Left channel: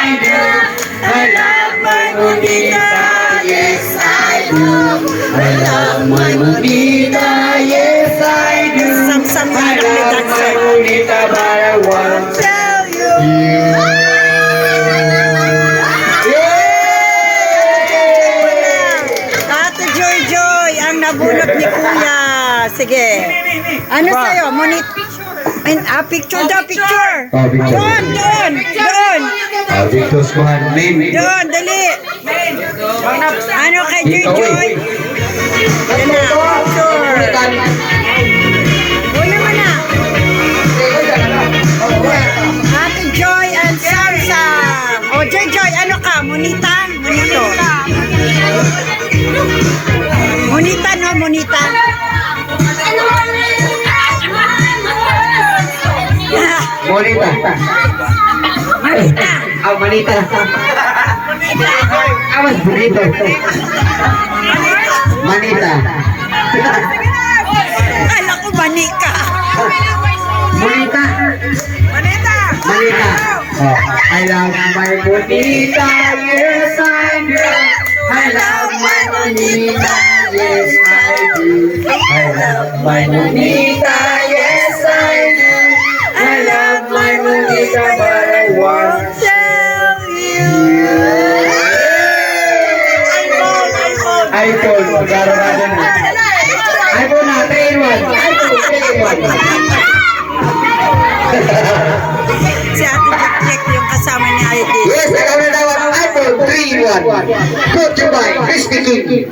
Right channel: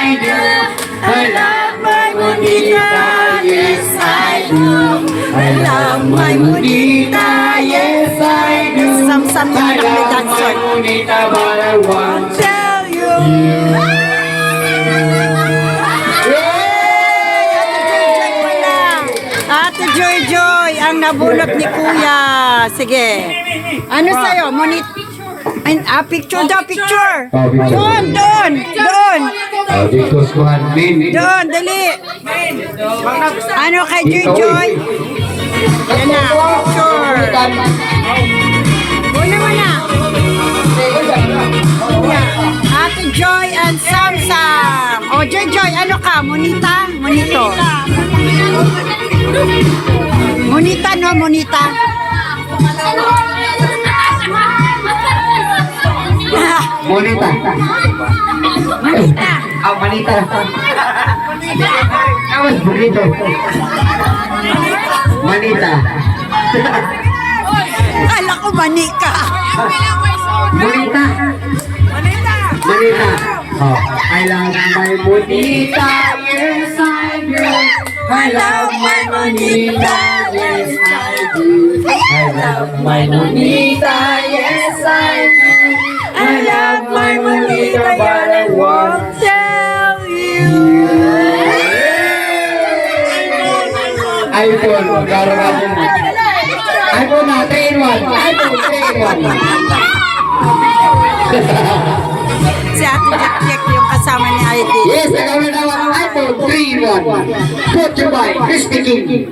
I do. I love my bonita, yes I do. I love my bonita, yes I do. Sam-sam I yung love dancer. my bonita, but I won't tell you. Ate Joy Joy, ang nabunot ni Kuya. Sige. Ano sa'yo? Picture daw, picture. Doon, doon, doon. Dito squad main. Doon, dali. Ano kay Joy Joy? Yan na, picture. Go naman na. Yeah. Ate Joy and Sam Sam. O, Joy Joy, ano ka? Monita? Monito. Monita, no? Monita. Bonita. Monita. Ah, manita. Awas bonita. Manita. Kala ko mani ka. Bonita. Manita. Manita. Oh, I love my bonita, yes I do. I love my bonita, yes I do. I love my bonita, yes I do. I love my bonita, but I won't tell you. iPhone, magkaroon natin. iPhone na, 3 in 1. iPhone, 3 in 1. Si Ate Jack yung kasama ni ID. Yes, ikaw na daw ang iPhone 3 in 1. Brought to you by Krispy Kreme.